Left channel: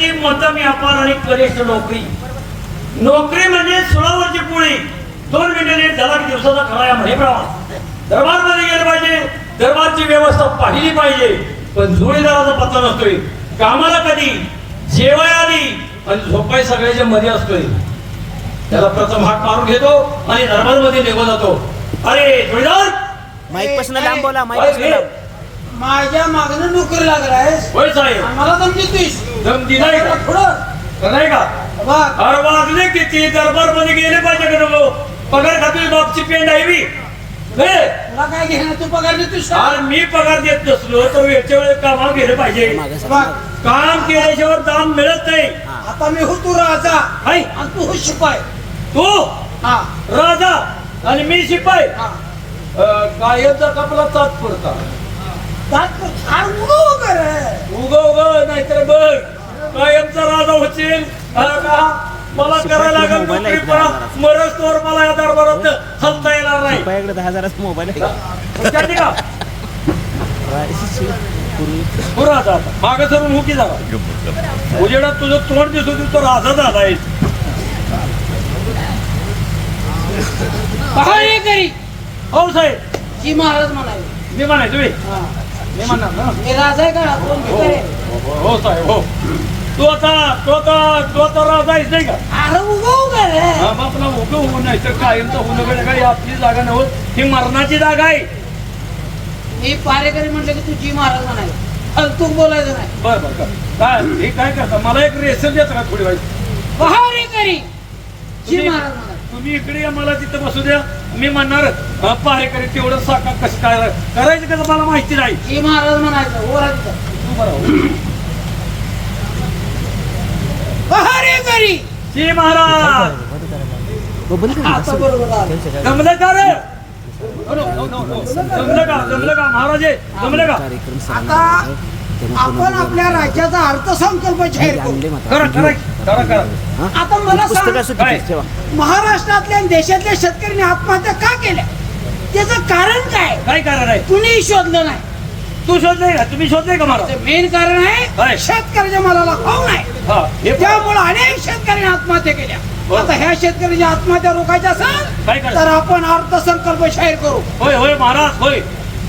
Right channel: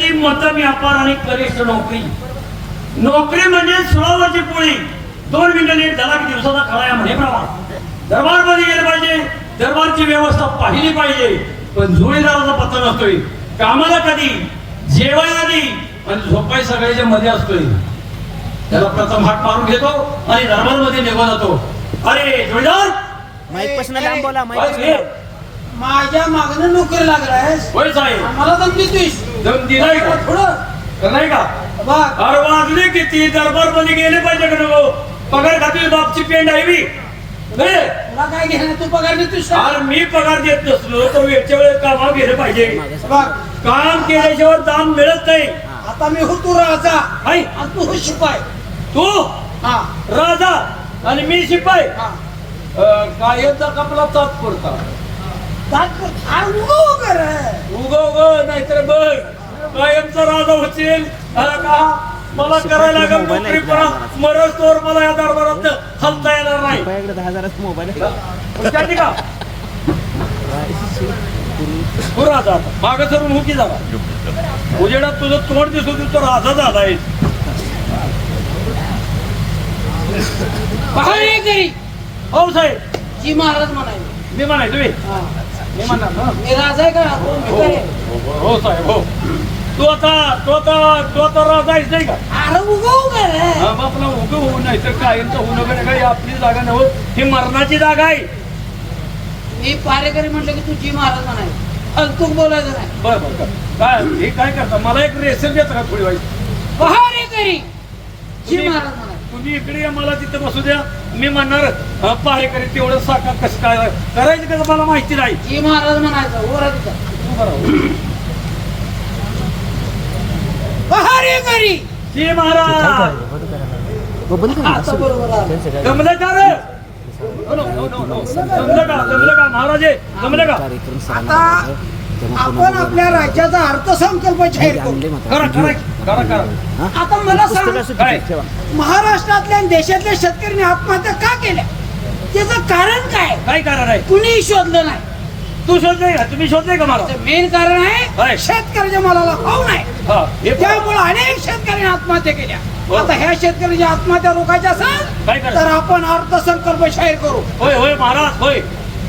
शेती, मत व्यापार आणि कनिष्ठ नोकरी. नोकरी म्हणजे सुळावरची पोळी. 2 मिनिटं लेट झाला की दिवसाचा खरा या म्हणेप्रमाणे दरबारमध्ये गेले पाहिजे. दरबारची व्यवस्था पाहिली पाहिजे. पण जोडीदाराचा पत्ता नसतोय. कामाला कधी, जेवाय आधी आणि झोपाय सगळ्याच्या मध्ये असतोय. त्याला प्रथम हात मारून घेतो आणि दरबारमध्ये निघून जातो. अरे जोडीदार, माईक पासून लांब बोला. माईक पासून लांब. माझ्या मागणं नोकरी लागलायस. होय साहेब. मला दम देतोयस. दम दिलाय का? पुढं नाही का? बघ, अरे वाजले किती, दरबार मध्ये गेले पाहिजे का नको? पगार खातील बापची पेंड आहे मी. तुला काय घेणं, तू पगार देतोयस. अरे मी पगार देत नसलो तर वेळच्या वेळेस कामावर गेलं पाहिजे. बघ, काम केल्याशिवाय दाम मिळत नाही. आता मी हो तू राजा हाय, आणि तू हो शिपाय. तू हा राजा आणि मी शिपाई. हा कायमचा कपला ताप पडता. उग नाहीतर बघ कायमचा राजा होशील. का मला करायला लागेल नोकरी, मरच तोर मला या दरबारात हलता येणार नाही. रुपयाकडे 10,000 मोबाईल आहे का? राजा आता माग सरून हुकी झाला. उजेडात तुझं तोंड दिसू तू तर राजा झालाय. पहारेकरी हो साहेब. जी महाराज म्हणाले. मी म्हणायचो मी म्हणणार ना. मी राजा आहे का? कोण हो भिकारी आहे? हो साहेब हो. तू आता राजा आहेस नाही का? अरे उगव का रे? हा, मग आपला उगं होऊ नाही तर कायमचं होणं म्हणजे काय आपली जागा नव्हत, ही मरणाची जागा आहे. मी पारेकरी म्हटलं की तू जी महाराज म्हणाले. तू बोलायचं नाही. बर बर कर. काय हे काय करता? मला एक रेशन देता का थोडी वाईट? पहारेकरी जी तुम्ही- महाराज म्हणाले. तुम्ही इकडे या, मला तिथं बसू द्या. मी म्हणणार पहारेकरी तेवढं साका कसं काय करायचं कसं मला माहिती नाही. जी महाराज म्हणायचं वर आहे तिथं. तू बरं पहारेकरी जी महाराज. आता बरोबर आलं. जमलं का रे? जमलं का महाराज? जमलं का? आता आपण आपल्या राज्याचा अर्थसंकल्प जाहीर करू. करा. आता मला सांग, ठेवा. महाराष्ट्रातल्या आणि देशातल्या शेतकऱ्यांनी आत्महत्या का केल्या? त्याचं कारण काय? काय कारण आहे? कुणी शोधलं नाही. तू शोधलंय का? तुम्ही शोधलंय का मला? मेन कारण आहे काय? शेतकऱ्याच्या मालाला भाव नाही. हा, हे पण- त्यामुळे अनेक शेतकऱ्यांनी आत्महत्या केल्या. हो. आता ह्या शेतकऱ्याच्या आत्महत्या रोखायच्या काय असेल करायचं? तर आपण अर्थसंकल्प जाहीर करू. होय महाराज होय.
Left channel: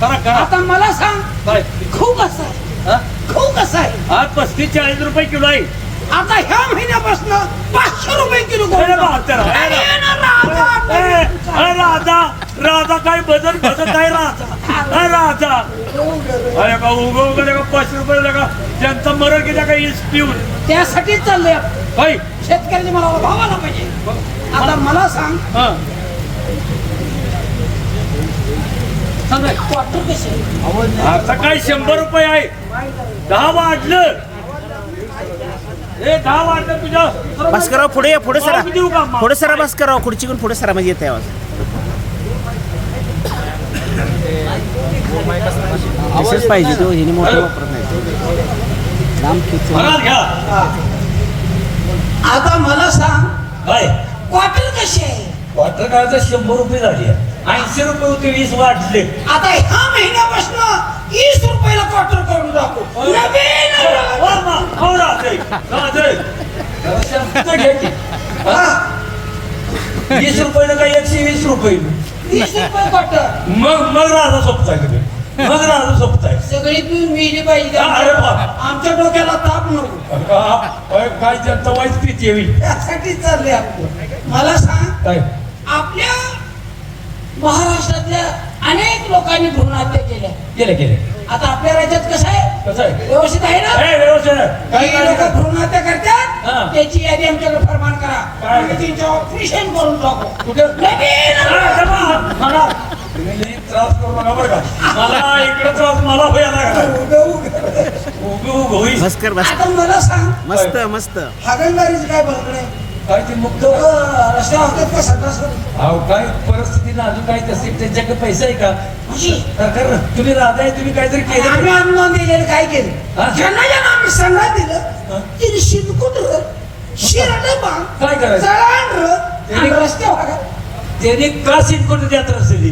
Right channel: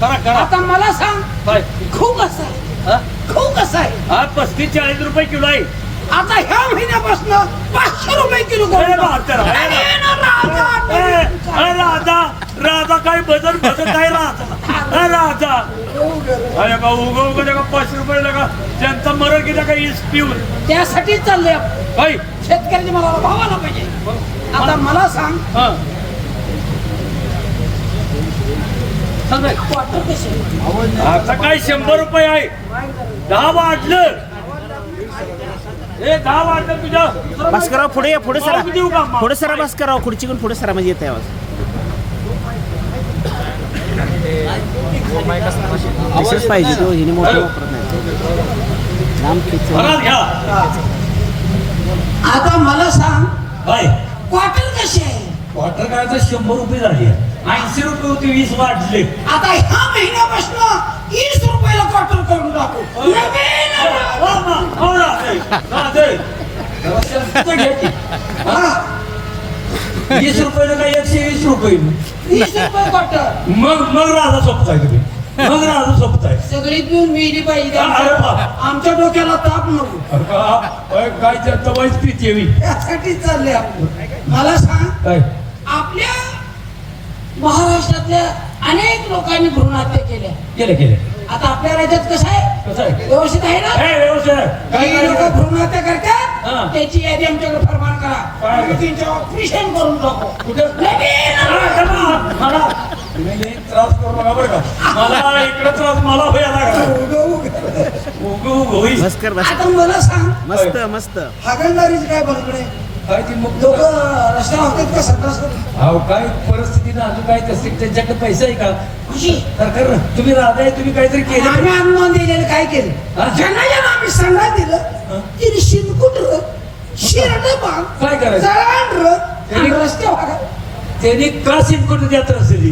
करा. आता मला सांग, काय? खूप कसा आहे? हा? खूप कसा आहे? आज 35-40 रुपये किलो आहे. आता ह्या महिन्यापासून 500 रुपये किलो अरे गोल्ड. बहात्तर. अरे ना राजा, राजा काय बदल आहे राजा. अरे का उगव 5 रुपये लगा त्यांचा मरण किती का इस पिऊन त्यासाठीच चाललंय आपण. काय? शेतकऱ्याच्या मालाला भाव आला पाहिजे. आता मला सांग, हा सांगाय. क्वार्टर कसे? आता काय 100 रुपये आहे. 10 वाढलं. हे 10 वाढलं तुझ्या. बस करावं. पुढे सरा. मागू देऊ का? पुढे सरा. बस करावं. खुर्चीकडून पुढे सरा म्हणजे येते आवाज. तसंच पाहिजे. तो हिने मोठं वापरत नाही. लांब खेच. महाराज घ्या. आता मला सांग, काय क्वार्टर कसे? क्वार्टर काय 100 रुपये झाले. 80 रुपये होते, 20 वाढले. आता ह्या महिन्यापासून 20 रुपयाला क्वार्टर करून टाकू. हा? 20 रुपये का 120 रुपये. 20 रुपये क्वार्टर. मग राजा सोपताय. सगळी पिऊन मिली पाहिजे. अरे बाप. आमच्या डोक्याला ताप नको. काय त्यांचं वाईट पीत येवी. त्यासाठीच चाललंय आपण. मला सांग, काय आपल्या महाराष्ट्रातल्या अनेक लोकांनी भ्रूणहत्या केल्या. केले आता आपल्या राज्यात कसं आहे? कसं आहे? व्यवस्थित आहे ना? काही लोक भ्रूणहत्या हा. करतात. त्याची यादी आमच्याकडे फरमान करा. काय? आम्ही त्यांच्या ऑपरेशन करून टाकू. कुठं? नवीन त्रास करू नका बरं का. मला इकडे त्रास मला होईल. बस कर. बस. आता मला सांग, मस्त. हागणदारीच काय बघणं नाही. काय ते मुक्त लोक रस्त्यावर होतात का संडास? अहो काय परिस्थिती ना अजून काय तसे त्यांच्याकडे पैसा आहे का? अशी तुम्ही राधा तुम्ही काहीतरी केलं. आम्ही आणून दिलेलं काय केलं? हा? ज्यांना आम्ही संडास दिलं तिने शिरकुटलं, शिरलं बाळ, काय करायचं? जळांडलं आणि रस्त्यावर हाका. त्यांनी का शिंकून देत असेल?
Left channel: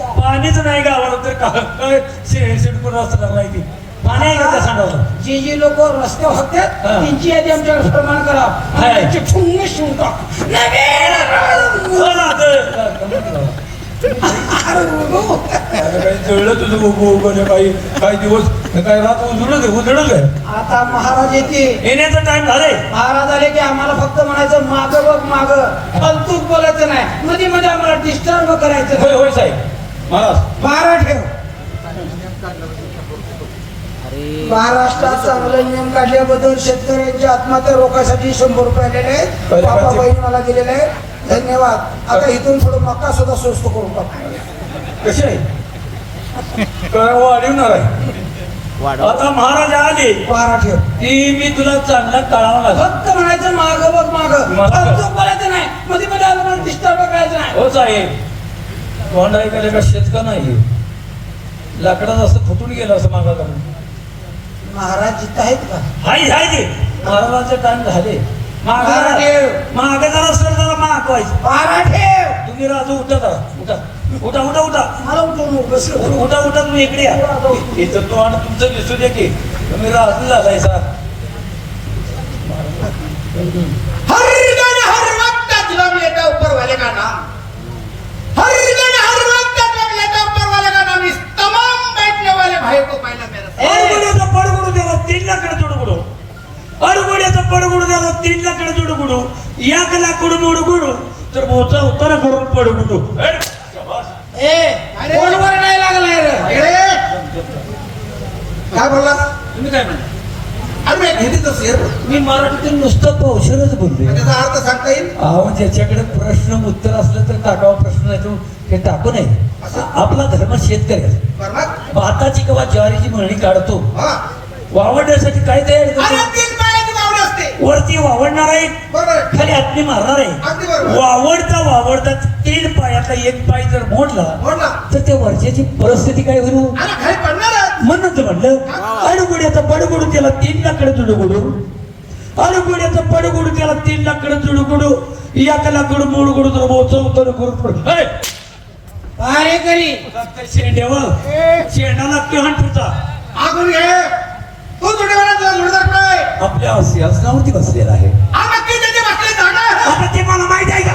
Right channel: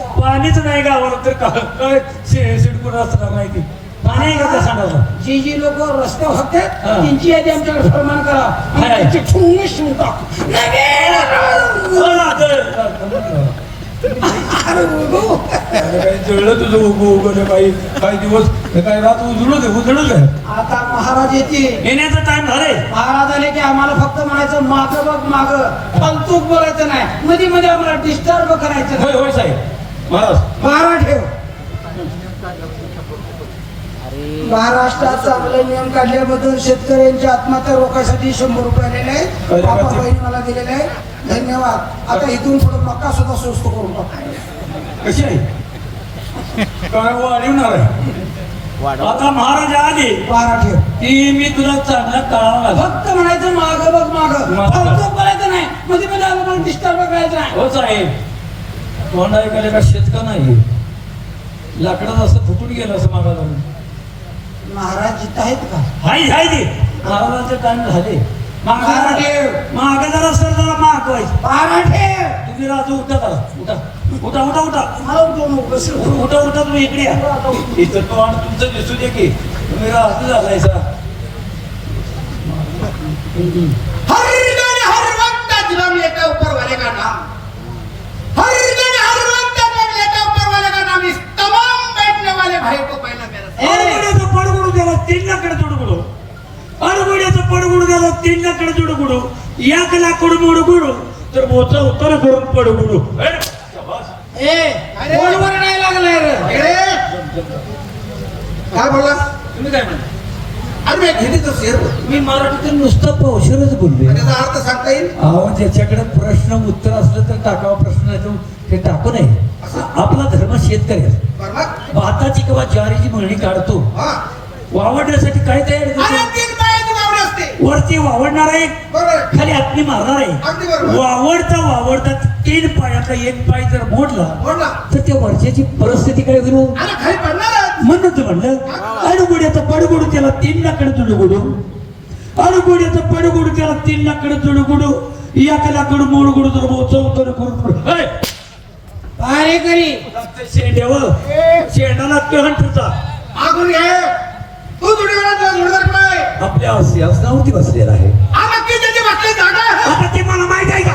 पाणीच नाही गावाला तर काय शिंकून असणार माहिती. पाणी आहे का सांगा जी जी लोक रस्त्यावर होते हा. त्यांची यादी आमच्याकडे फरमान करा हाय. त्यांची ठुंगे शिवून टाक अरे उगो. जुळलं तुझं उभं उभं रे बाई काही दिवस काय रात उजळलं आता महाराज येते येण्याचा टाइम झाले महाराज आले की आम्हाला फक्त म्हणायचं मागं बघ मागं फालतूक बोलायचं नाही मध्ये मध्ये आम्हाला डिस्टर्ब करायचं नाही. होय होय साहेब महाराज महाराज ठेव अरे महाराष्ट्रात चांगले नियम काढल्याबद्दल शेतकऱ्यांच्या आत्महत्या रोखासाठी 100 रुपये आलेले आहेत काय बाबा करायचे? बहीण मला दिलेले आहे धन्यवाद आता इथून थोडं मका सुद्धा स्वस्त करून टाकू कशी आहे काय वाढवणार आहे वाढव आता महाराज आले महाराज ठेव ती मी तुला चांगला टाळावं लागला फक्त म्हणायचं माग बघ माग मागं. फालतूक बोलायचं नाही मध्ये मध्ये आम्हाला डिस्टर्ब करायचं नाही हो साहेब तोंड ऐकायला का शेतका नाही लाकडात असं फुटून गेलं असं मागायला महाराज इथं आहेत का हाय हाय ते महाराजांचे टाइम झाले महाराज ठेव. मागे जरा सर जरा मागायचं महाराज ठेव तुम्ही राजू उठा करा उठा उठा उठा उठा मला उठवू नको बस उठा उठा तुम्ही इकडे या इथं तो आणि तुमचं दिसू दे की तुम्ही राजू झालायचा हर दिन हर वक्त दिलम लेता ऊपर वाले का नाम हर दिन हर वक्त दिलम लेता ऊपर वाले का नाम इस तमाम बैठने वाले भाई को पहला मेरा अडगुड्याचा पडगुडू त्याला 3 लाकडे तुडगुडू अडगुड्याचा पडगुडू त्याला 3 लाकडे तुडगुडू 1 लाकूड मोडगुडू तर बोचल उत्तर करून पडगुडू ए बोलवर नाही लागलाय रे काय बोलला तुम्ही काय म्हणता अरे मी हिंदीतच शेर मी मराठीतून नुसतं कौशलच बोलले त्याचा अर्थ सांगता येईल अहो ज्याच्याकडे प्रश्न उत्तर असलं तर टाकावा प्रश्न ते टाकू नये आपला धर्म शेतकरी आहे. बरं भाताची किंवा ज्वारीची मळणी काढतो हा वावडण्यासाठी काय तयारी अरे करतो 3 पायाची बावडी असते वरती वावडणार आहे बरोबर खाली आतली मारणार अगदी आहे बरोबर. वावडता 3 पायाचा 1 पाय जर मोडला बोलला तर त्या वर्षाची परिस्थिती काय होईल अरे खाली पडणार म्हणून तर म्हणलं अडगुड्याचा पडगुडू त्याला 3 लाकडे तुडगुडू अडगुड्याचा पडगुडू त्याला 3 लाकडे तुडगुडू 1 लाकडू मोडगुडू तर बोचव तर करून अरे करी शेंडेव शेंडाला कहन तुझा मागून घे तू तुझ्या घोडदर काय आपल्या सिंहासनावरती बसलेला आहे हा नक्की त्याची बसली जागा आहे. आता ते मला माहित आहे का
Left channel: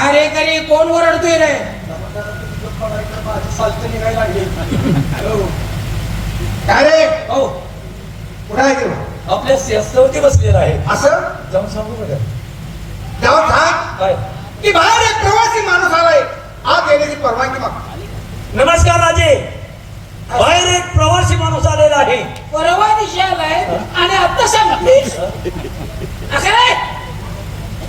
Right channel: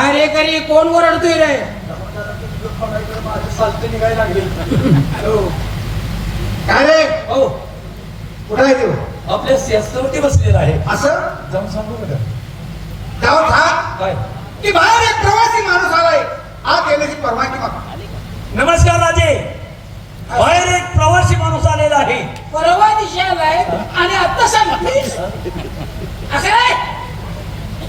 अरे करी कोण ओरडतोय रे काय रे हो कुठं आहे तू आपल्या सिंहासनावरती बसलेला आहे असं जाऊन सांगू का जाऊन सांग काय की बाहेर एक प्रवासी माणूस आलाय आत येण्याची परवानगी माग नमस्कार राजे बाहेर एक प्रवासी माणूस आलेला आहे परवा दिवशी आलाय आणि आता सांगतेस असं आहे?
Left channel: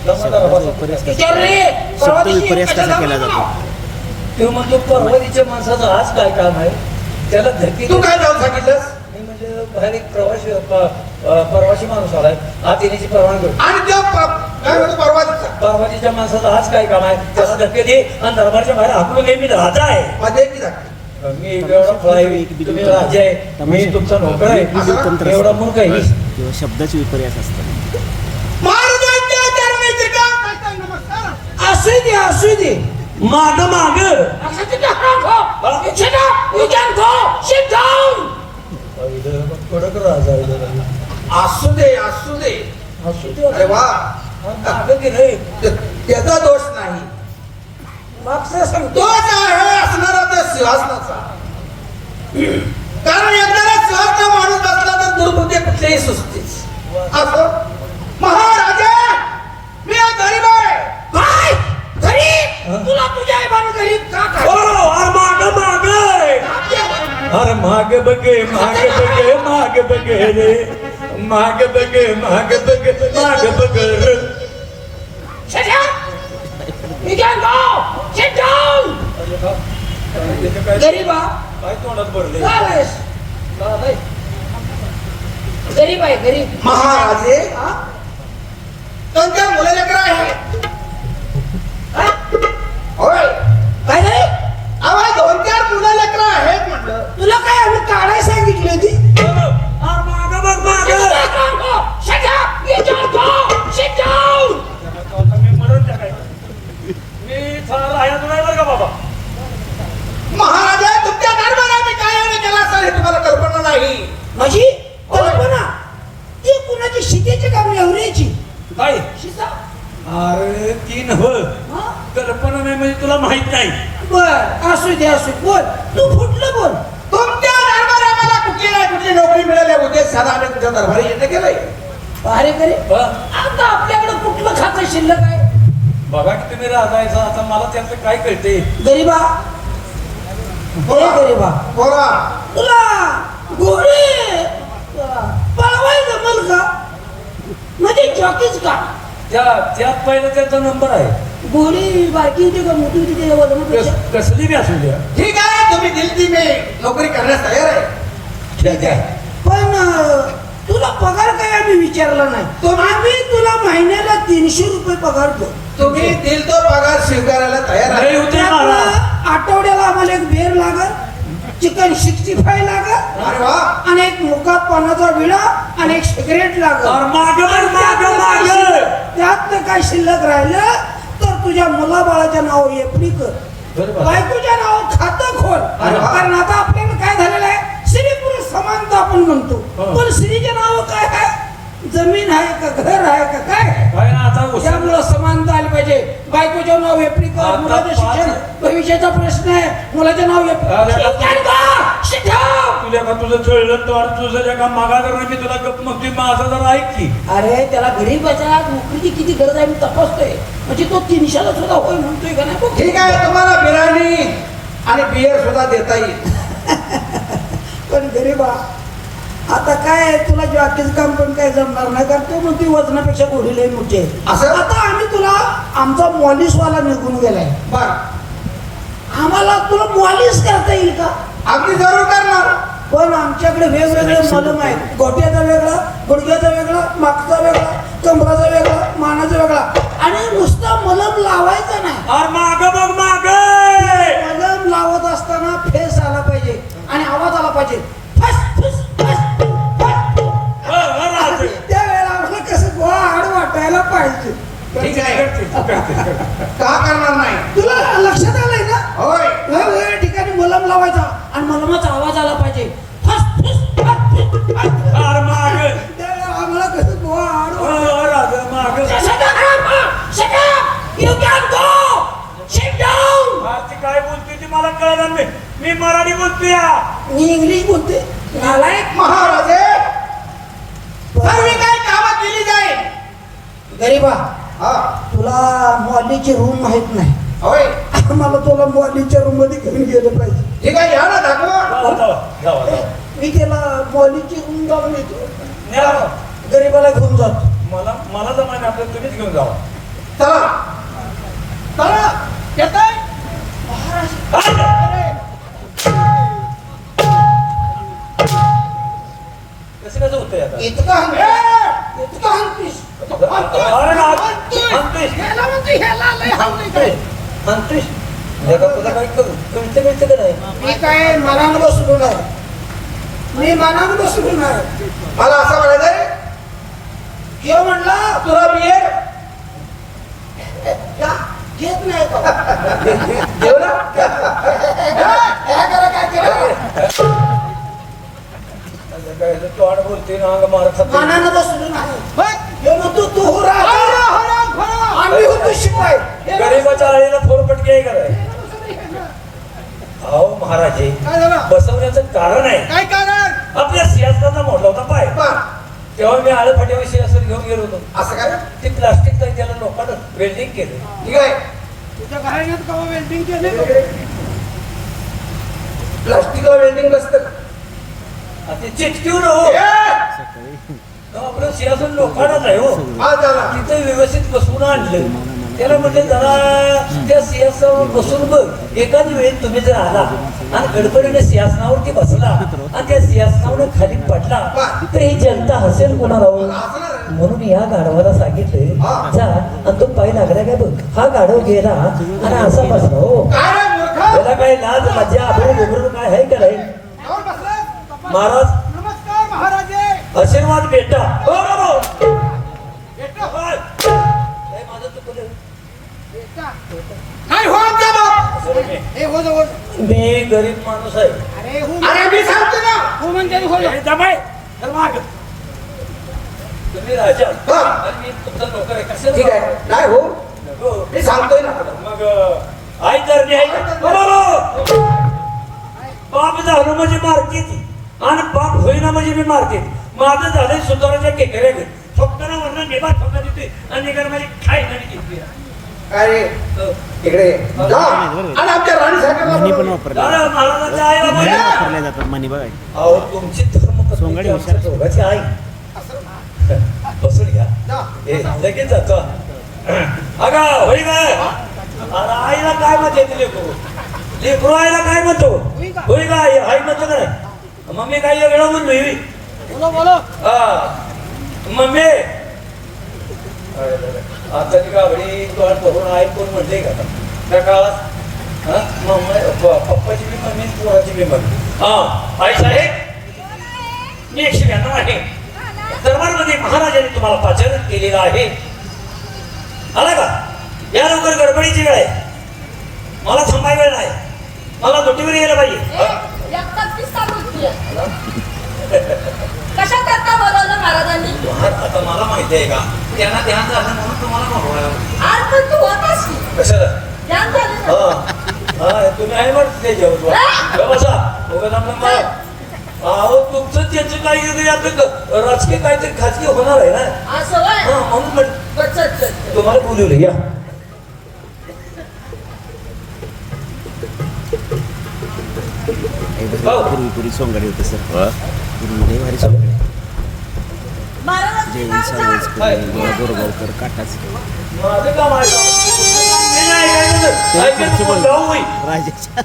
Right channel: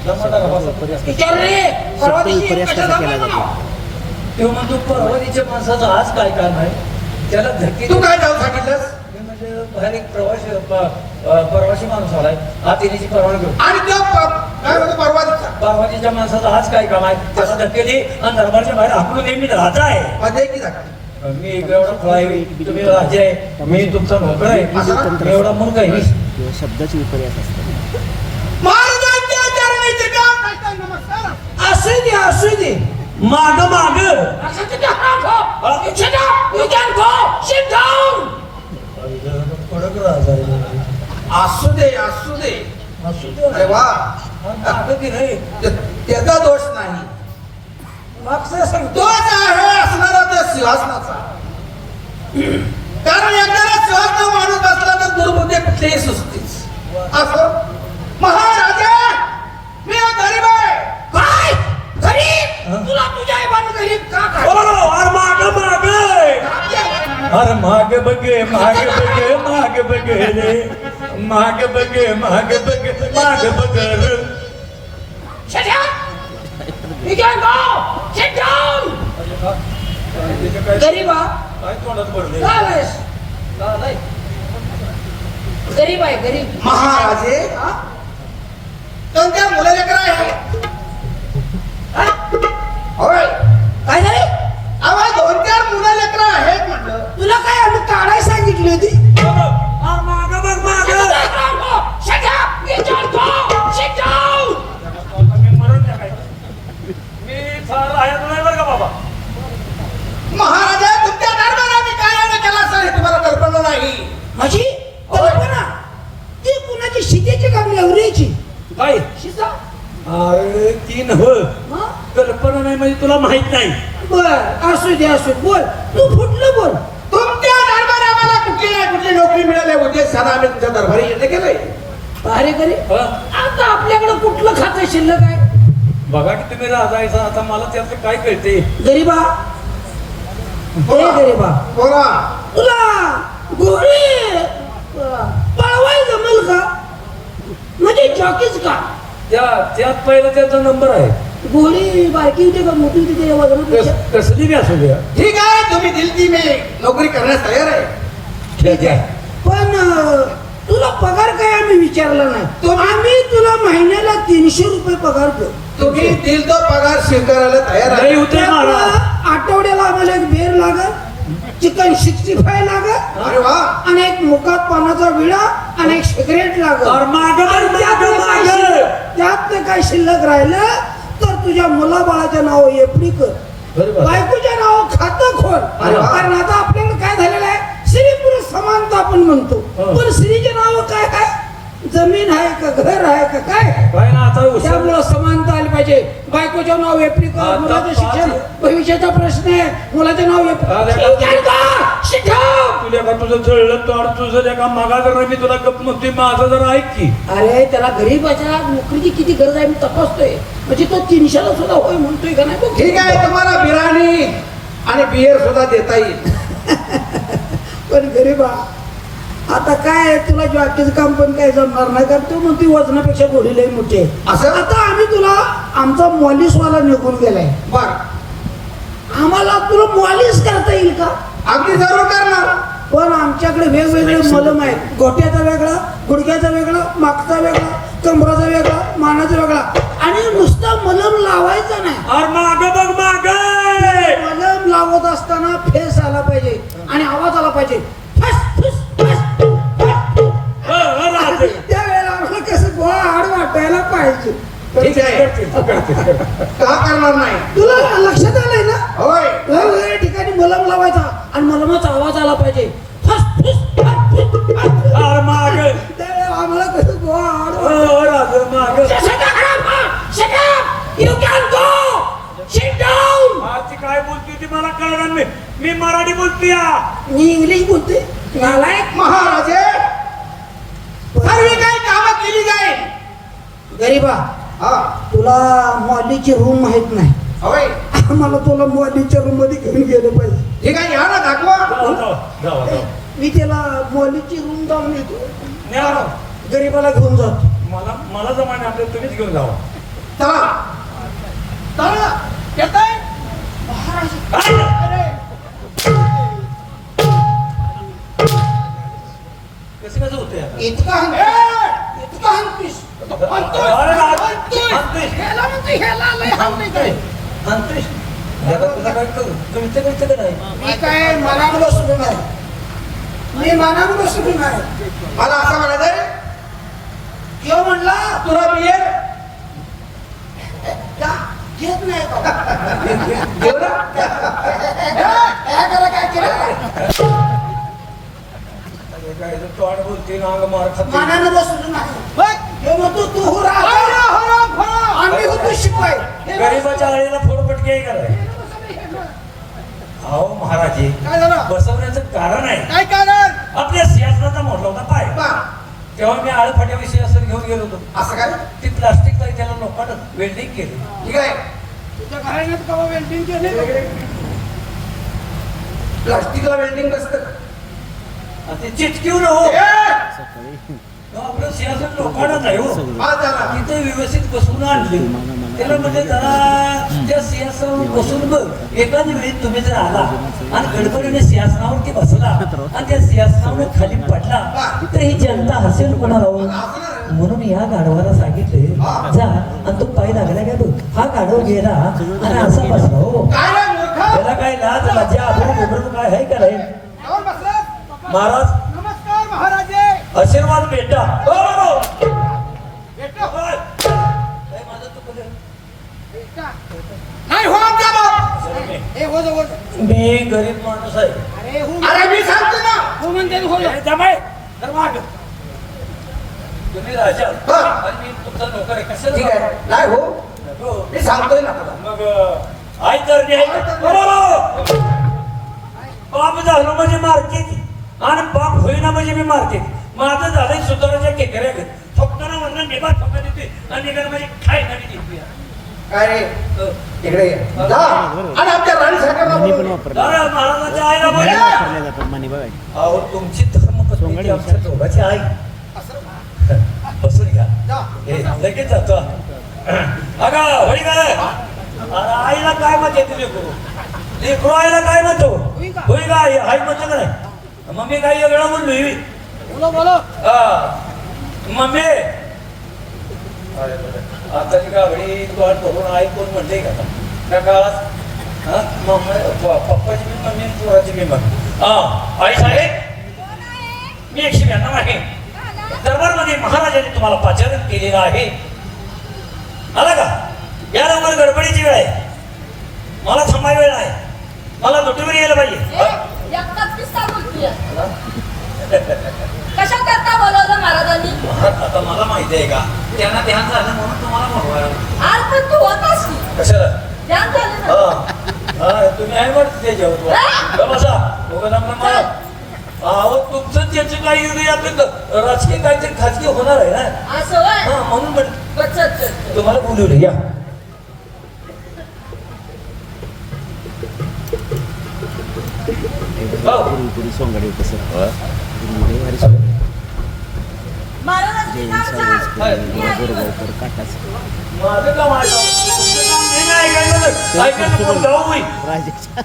विचार रे, परवा शब्द दिवशी विपर्यास कसा कशाला केला बोलला? जातो तो म्हणतो परवानीच्या माणसाचं आज काय काम आहे त्याला धरती तू काय जाऊन सांगितलंस मी म्हणजे बाहेर एक प्रवासी माणूस आलाय आत येण्याची परवानगी होती. आणि तो काय म्हणतो परवा दिवसा परवानीच्या माणसाचं आज काय काम आहे त्याला धक्के दे आणि दरबारच्या बाहेर हाकलून दे मी राजा आहे मध्ये की जागा मी एवढा फळ आहे तुम्ही राजा आहे मी तुमचा नोकर आहे तंत्र मी एवढा मूर्ख आहे किंवा शब्दाचे विपर्यास असतात महाराजांच्या चरणाची गाठ घालताय, नमस्कार असू दे असू दे माग माग कडक राजा आहे जरा. असू दे असू दे असू दे. अरे वा मागं दे रे. त्याचा दोष नाही मागचं सांग. तोच आहे असणारा त्या सिंहासनाचा कारण एखाद्या सिंहासना माणूस बसला तर दुर्बुद्धी कुठलेही सुचतेच असं महाराजा मी गरीब आहे काय गरीब तुला तुझ्या आईबाने गरीब का ओ, अरे माग माग अरे मागे बघे मागे बघे मागे बघे रे मागे बघे मागे बघे मागे बघे रे. गरीबा काय तोंडात भरले गरीब आहे गरीब महाराजे त्यांच्या मुलं लेकर आहे होय काय झाले अवा 2-4 मुलं लेकर आहेत म्हटलं तुला काय आम्ही काढाय सांगितली होती माग बघ माग मी मरण त्या काय मी थार आहे बरं का बाबा महाराजा तुमच्या दरबारात काय केला माझी कल्पना ती कुणाची शिकेची का नेवऱ्याची काय शिका अरे ती नव हा? कल्पना नाही म्हणजे तुला माहित नाही. बर असू दे असू बोल तू फुटलं बोल तुमच्या दरबारी आम्हाला कुठली नोकरी मिळाल्या होते सणा आम्ही तुझ्या दरबारी येणे गेले अरे करी आता आपल्याकडे कुठलं खातं शिल्लक आहे बघा की तुम्ही राजायचं आता मला त्यातलं काय कळते. गरीबा गरीबा बोला तुला गोळे पळवाय जमल का म्हणजे जॉकीच का त्यात पहिला त्याचा नंबर आहे. गोळी बाकी होती का मोठी होती का वजनापेक्षा कसली बी असू द्या. ठीक आहे तुम्ही दिलती मी नोकरी करण्यास तयार आहे ठीक आहे. पण तुला पगार काय आम्ही विचारला नाही तो आम्ही तुला महिन्याला 300 रुपये पगार देऊ तुम्ही दिल तो पगार स्वीकारायला तयार नाही होते महाराज. आठवड्याला आम्हाला एक बेर लागल चिकन 65 लागल अरे वा आणि एक मुका पानाचा विडा आणि एक सिगरेट लागल त्यात काय शिल्लक राहिलं तर तुझ्या मुलाबाळाच्या नाव एफडी कर बायकोच्या नाव खातं खोल कारण आता आपल्याला काय झालेलं आहे स्त्री पुरुष समानता आपण म्हणतो पण स्त्रीचे नाव काय आहे जमीन आहे का घर आहे का काय त्यामुळं समानता आली पाहिजे बायकोचे नाव एफडी कर मुलाचं शिक्षण भविष्याचा प्रश्न आहे मुलाचे नाव तुला का तुझं जुळलं तर तुझं लेखा मागा जर मी तुला गप मुक्ती माझं जर ऐक की. अरे त्याला गरीबाच्या नोकरीची किती गरज आहे मी तपासतोय म्हणजे तो 300 सुद्धा होय म्हणतोय का नाही ठीक आहे तुम्हाला बिर्याणी आणि बियर सुद्धा देता येईल पण गरीबा आता काय तुला जॉकीचं काम पण काय जमणार नाही कारण तू म्हणते वजनापेक्षा गोडी लई मोठी आहे असं आता आम्ही तुला आमचा मॉलिशवाला निघून गेलाय बर आम्हाला तुला मॉलिश करता येईल का अगदी जरूर करणार पण आमच्याकडे वेगवेगळे मलम आहेत गोट्याचा वेगळा गुडघ्याचा वेगळा मागचा वेगळा कमराचा वेगळा मानाचा वेगळा आणि नुसता मलम लावायचा नाही मलम लावत असताना फेस आला पाहिजे आणि आवाज आला पाहिजे त्यावेळेला आम्हाला कसं गोळा हाड वाटायला पाहिजे ठीक आहे का करणार नाही तुला लक्षात आलंय ना होय वेगवेगळ्या ठिकाणी मलम लावायचा आणि मलमाचा आवाज आला पाहिजे आम्हाला कसं गोळा हाड काय बोलतोय ती मला कळणार नाही. मी मराठी बोलतोय मी इंग्लिश बोलते महाराजे सर्व काय कामं केली जाईल गरीबा तुला मॉलीची रूम माहित नाही होय मला तुला मॉलीच्या रूम मध्ये घेऊन गेले पाहिजे ठीक आहे या ना दाखवा मी त्याला मॉलीची रूम जाऊन येतो गरीबाला घेऊन जातो मला जर माहिती आपल्याला तुम्हीच घेऊन जावा. चला येताय महाराज अरे कसं होतंय आता? इतका हंतीस मी काय मनानं बसलो नाही मी मनानं बसलो नाही मला असं म्हणायचंय किंवा म्हणला तुला बियर घेत नाही मनानं बसलो नाही गरीबाच्या आळीला फोरपटकी आहे कराय. अहो महाराजे काय झालं बसवण्याचं कारण आहे. काय कारण आपल्या सिंहासनाचा मोडला होता पाय तेव्हा मी आळे फाट्यावर सिंहासन घेऊन गेलो होतो. असं काय ते प्लास्टिक तरी त्याला लोकांना वेल्डिंग केलं. ठीक आहे तुझ्या घराण्यात कवा वेल्डिंग केले प्लास्टिकला वेल्डिंग नसतं ते चिटकीवर हो आपलं सिंहासन लोकांनाच आहे हो. तिथे व्यवस्थित बसवून आणलं त्याला म्हटलं जरा त्या सिंहासनावर बसून बघ एखाद्या वेळी तुम्ही जर आला आणि गडबडीने सिंहासनावरती बसला आणि त्या सिंहासनावर खाली पडला तर ही जनता हसेल कोणाला म्हणून या गाढवाला सांगितले जा आणि तो पाय लागला काय बघ हा गाढव गेला आणि असा बसला हो त्याला काय लाज मजा आबरू बिबरू काय आहे का नाही महाराज नमस्कार महाराजे आशीर्वाद बेटा काय हो मी गरीब माणूस आहे. अरे मी सांगतो ना हो म्हणजे तर माग तुम्ही राजा हा. आणि मी तुमचा नोकर आहे ठीक कशाला आहे नाही हो नको. मी सांगतोय ना तुला. मग आई तर बाप झालो म्हणजे मारते आणि बाप होईना म्हणजे मी मारते माझं झालंय सुताराच्या केकऱ्या फक्त ना म्हणणं निभार फक्त देते आणि निघाल माझी खाय आणि देते काय रे इकडे ये. जा आणि आमच्या राणी साहेबांना मनी पण बोलव. वापरला अरे महाराजाच्या आईला मनी बोला वापरल्या जातात मनी बघा अहो तुमची धर्मपत्नी सोंगाडी आमच्या हुशार. दोघांची आई बसून घ्या लगेच जातो अगं होई काय अरे आईला काय म्हणते ते लेकरू आईला काय म्हणतो होई काय आई म्हणतो काय मम्मी काय वेगळं म्हणलो बोलो बोलो मम्मी आता ती गावडी तोंड बघून आई कोण म्हणले का त्या गावात पप्पाची बी मम्मी पोराची बी मम्मी हा आई साहेब मी 192 आहे दरबारमध्ये महाराजांनी तुम्हाला पाचारण केलेला आहे आला का या लवकर गडबडीची वेळ आहे मला थांबाय वेळ आहे मला दुटीवर यायला पाहिजे कशा करता बोलवलं महाराजांनी आता मला माहिती आहे का त्यांना ध्यान झालं म्हणून तुम्हाला बोलवायला आज पण तू होतास की कशाला ध्यान झालं ना? तुम्ही आहे म्हणते ते जेवण बसा मला अहो तुमचं त्याचं काही आपलं राजकीय काहीतरी खाजगी होणार आहे ना असं होय? म्हणून बचत तुम्हाला बोलवलं घ्या पुरी सोंगाडी होते सर पुरी भारी सोंगाडी महाराजांची जैन नाव सांग. सावळकर गोरगावकर काटाच माझं काम आहे जाऊ होईल राजाच्या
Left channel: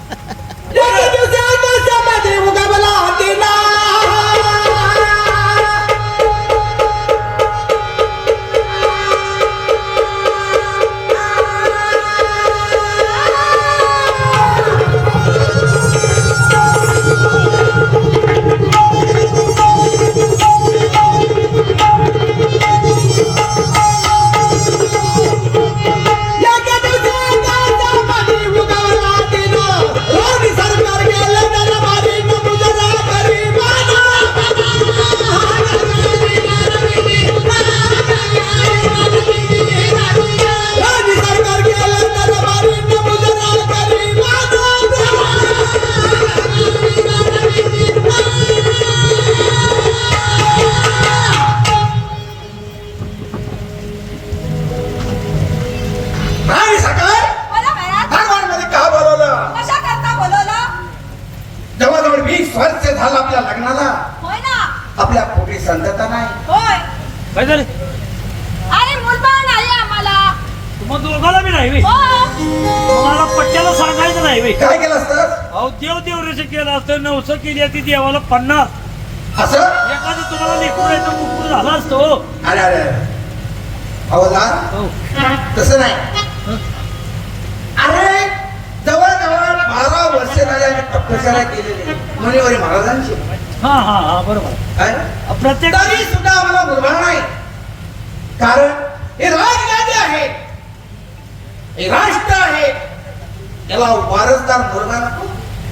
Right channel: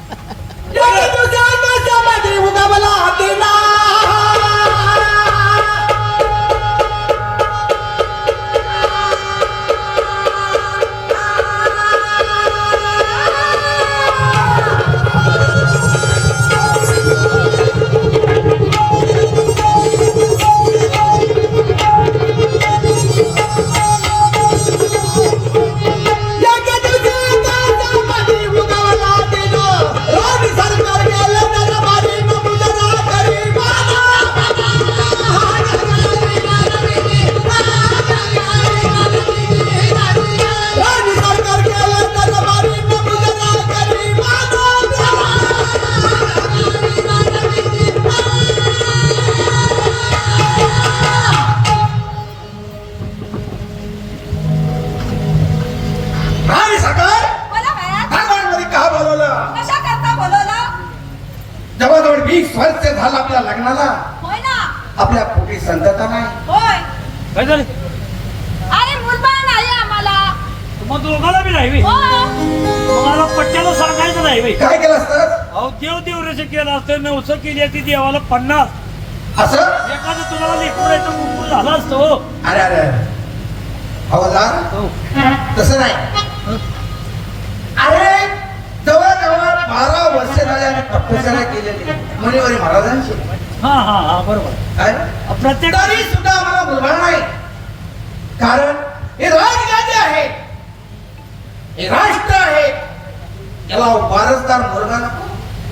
राणी साहेब बोला बाया. दरबारमध्ये का बोलवलं कशा करता बोलवलं जवळजवळ 20 वर्ष झालं आपल्या लग्नाला होय ना आपल्या पोटी संतता नाही होय काय झालं अरे मुलबाळ नाही आम्हाला तुम्हाला दोघाला बी नाही हो तुम्हाला पट्ट्याला सांगायचं नाही बे. काय केलं असतं अहो देव देवरेचं केलं असतं नवसं केली असती देवाला 50 असं एखादं तुम्हाला लेकरू यायचं मुकून झाला असतो अरे अरे हवालदार तसं नाही अरे जवळजवळ 12 वर्ष झाले आम्ही तपस्या केलेली मुनिवारी महाराजांची हा बरोबर काय प्रत्येक तरी सुद्धा आम्हाला मुलगा नाही कारण हे राजगादी आहे हे राष्ट्र आहे त्याला वारसदार मुलगा नको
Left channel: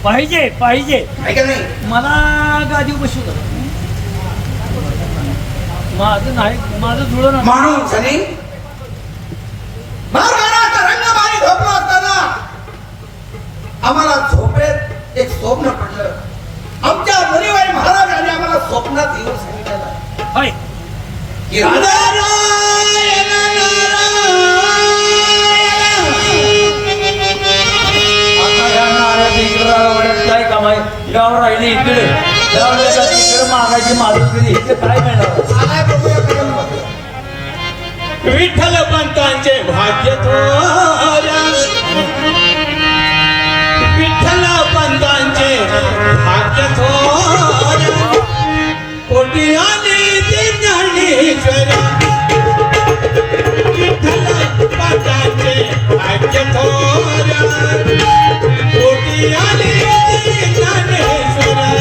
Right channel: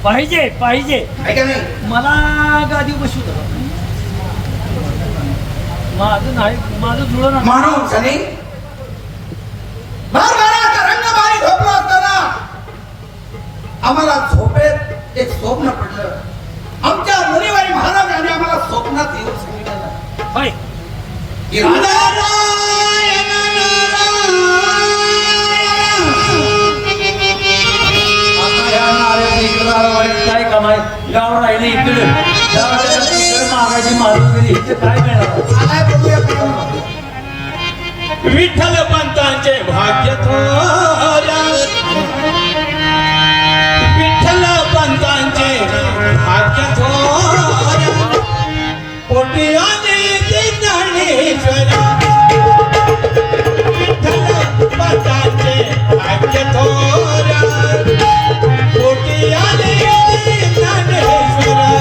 पाहिजे आहे का नाही मला गादी बसू द्या माझं जुळं ना माणूस आणि मारगाराचा रंगमारी झोपला असताना आम्हाला झोपेत एक स्वप्न पडलं आमच्या मुनिबाई महाराजांनी आम्हाला स्वप्नात येऊन सांगितलं होय की राजा आता या नाऱ्यात इकडं राहण्यात काय काम आहे गाव राहिली इकडे गावाच्या तिकडे मागायची मारून गेली इथे काय मिळणार विठ्ठल पंतांचे भाग्य थोऱ्या विठ्ठल पंतांचे भाग्य थोऱ्या पोटी आले ते ज्ञानेश्वरी विठ्ठल पंतांचे भाग्य थोऱ्या पोटी आले ते ज्ञानेश्वरी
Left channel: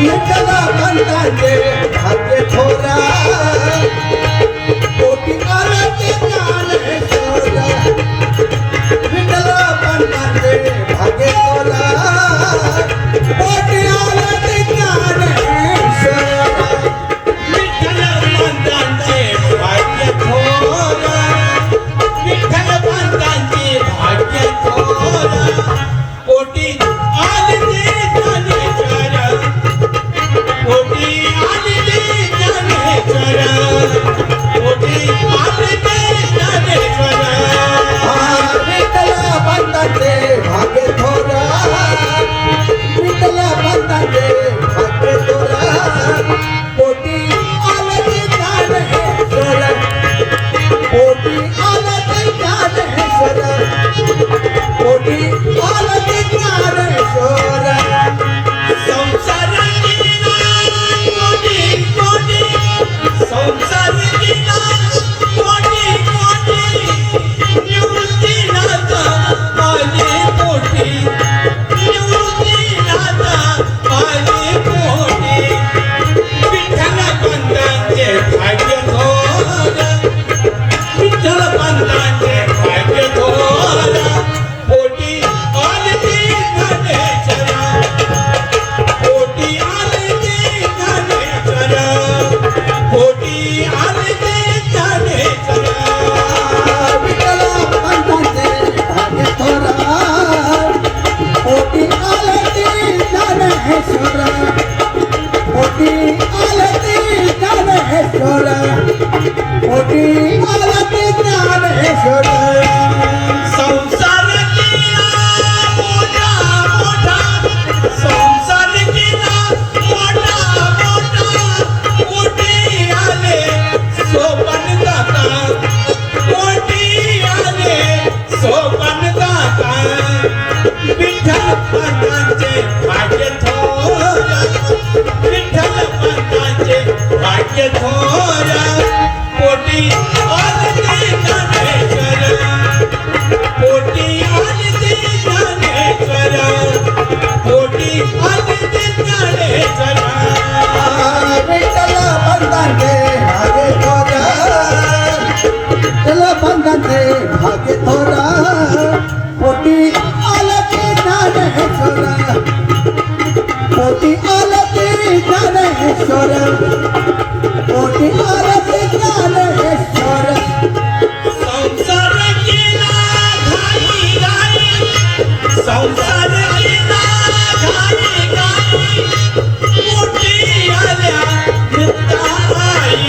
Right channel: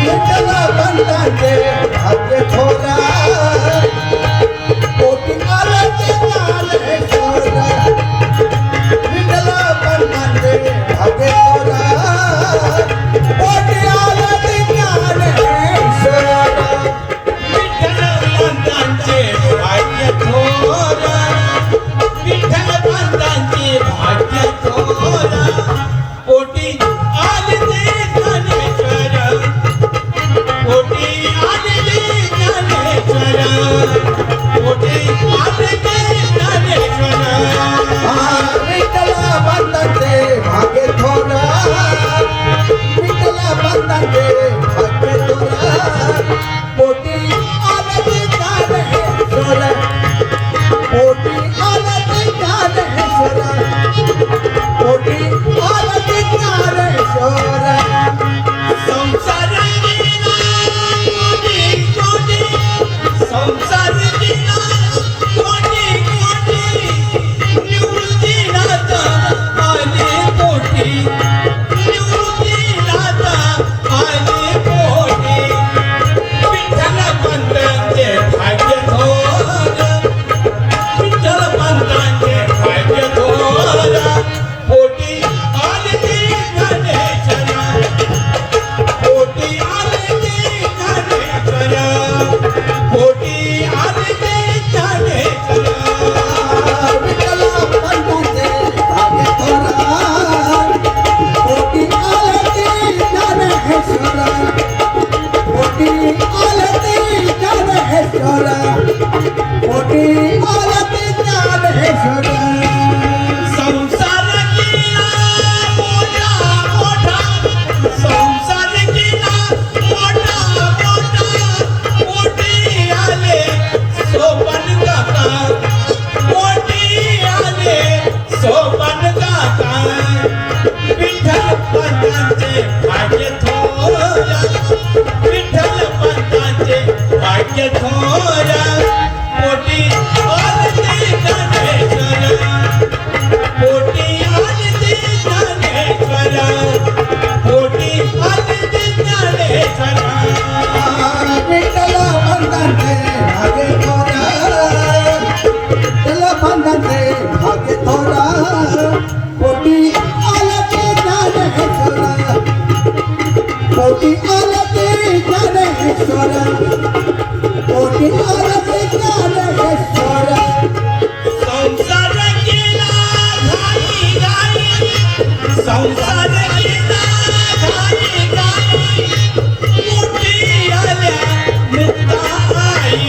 विठ्ठल पंतांचे भाग्य थोरा कोटी आरती ज्ञानेश्वरा विठ्ठल पंतांचे भाग्य थोरा कोटी आरती ज्ञानेश्वरा भाग्य थोर विठ्ठल पंतांचे भाग्य थोर पोटी आले ज्ञानेश्वर पोटी आले ज्ञानेश्वर पोटी आले ज्ञानेश्वर विठ्ठल पंतांचे भाग्य थोर विठ्ठल पंतांचे भाग्य थोर पोटी आले ज्ञानेश्वर पोटी आले ज्ञानेश्वर पोटी आले ज्ञानेश्वर संसार गेला कोटी कोटी संसार गेला कोटी कोटी निवृत्ती नाथा आले कोटी निवृत्ती नाथा आले कोटी विठ्ठल पंतांचे भाग्य थोर विठ्ठल पंतांचे भाग्य थोर पोटी आले ज्ञानेश्वर पोटी आले ज्ञानेश्वर पोटी आले ज्ञानेश्वर विठ्ठल पंतांचे भाग्य थोर पोटी आले ज्ञानेश्वर पोटी आले ज्ञानेश्वर पोटी आले ज्ञानेश्वर संसार केला मोठा मोठा संसार केला मोठा मोठा मोठे आले सोपन काका मोठे आले सोपन काका विठ्ठल पंतांचे भाग्य थोर विठ्ठल पंतांचे भाग्य थोर पोटी आले ज्ञानेश्वर पोटी आले ज्ञानेश्वर पोटी आले ज्ञानेश्वर विठ्ठल पंतांचे भाग्य थोर विठ्ठल पंतांचे भाग्य थोर पोटी आले ज्ञानेश्वर पोटी आले ज्ञानेश्वर पोटी आले ज्ञानेश्वर संसार केला घाई घाई संसार केला घाई घाई मोठी आल्या मुक्ताई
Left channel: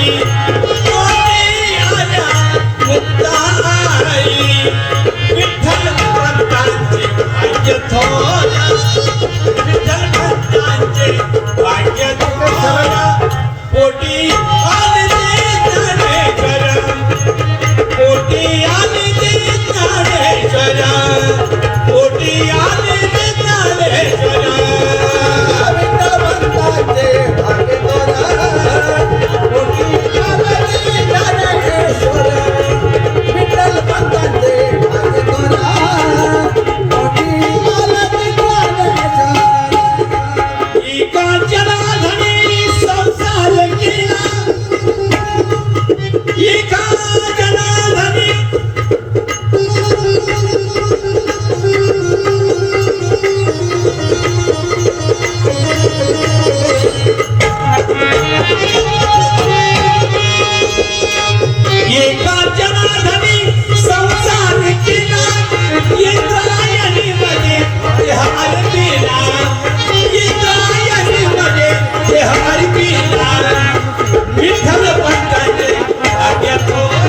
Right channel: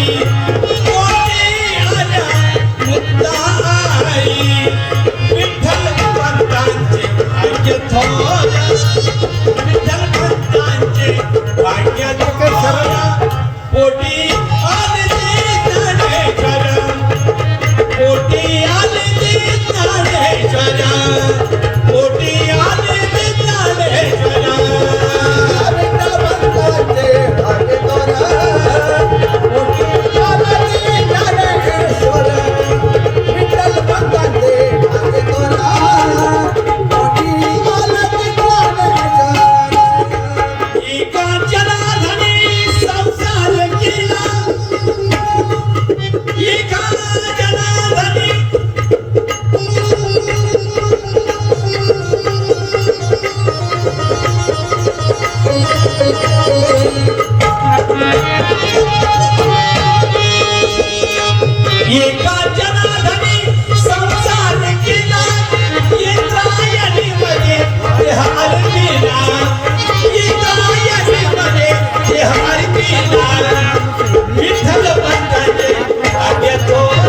मोठी आल्या मुक्ताई विठ्ठल पंतांचे भाग्य थोर विठ्ठल पंतांचे भाग्य थोर पोटी आले ज्ञानेश्वर पोटी आले ज्ञानेश्वर पोटी आले ज्ञानेश्वर विठ्ठल पंतांचे भाग्य थोर पोटी आले ज्ञानेश्वर विठ्ठल पंतांचे भाग्य थोर पोटी आले ज्ञानेश्वर एका जनार्दनी संसार केला एका जनार्दनी एका जनार्दनी संसार केला इंद्रायणी मध्ये देह अर्पिला इंद्रायणी मध्ये देह अर्पिला विठ्ठल पंतांचे भाग्य थोर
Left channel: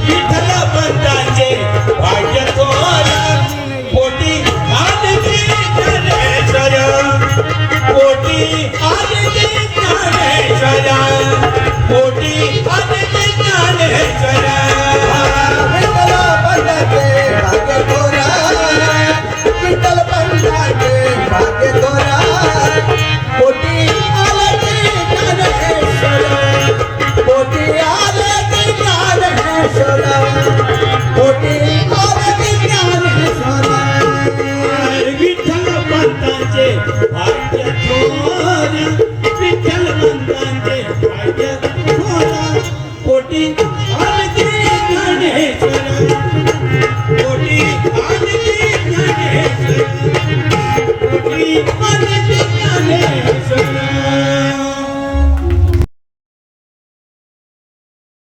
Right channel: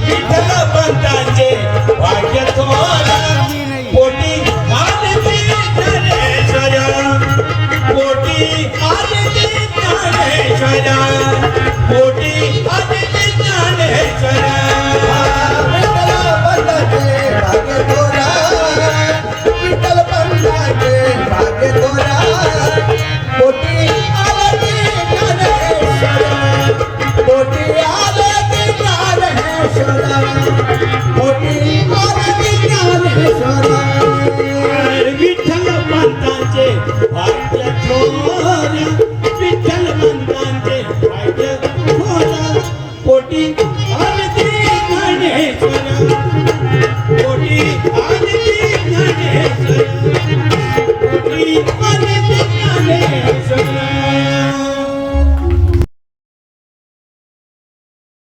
विठ्ठल पंतांचे भाग्य थोर पोटी आले ज्ञानेश्वर पोटी आले ज्ञानेश्वर पोटी आले ज्ञानेश्वर विठ्ठल पंतांचे भाग्य थोर विठ्ठल पंतांचे भाग्य थोर पोटी आले ज्ञानेश्वर पोटी आले ज्ञानेश्वर पोटी आले ज्ञानेश्वर विठ्ठल पंतांचे भाग्य थोर विठ्ठल पंतांचे भाग्य थोर पोटी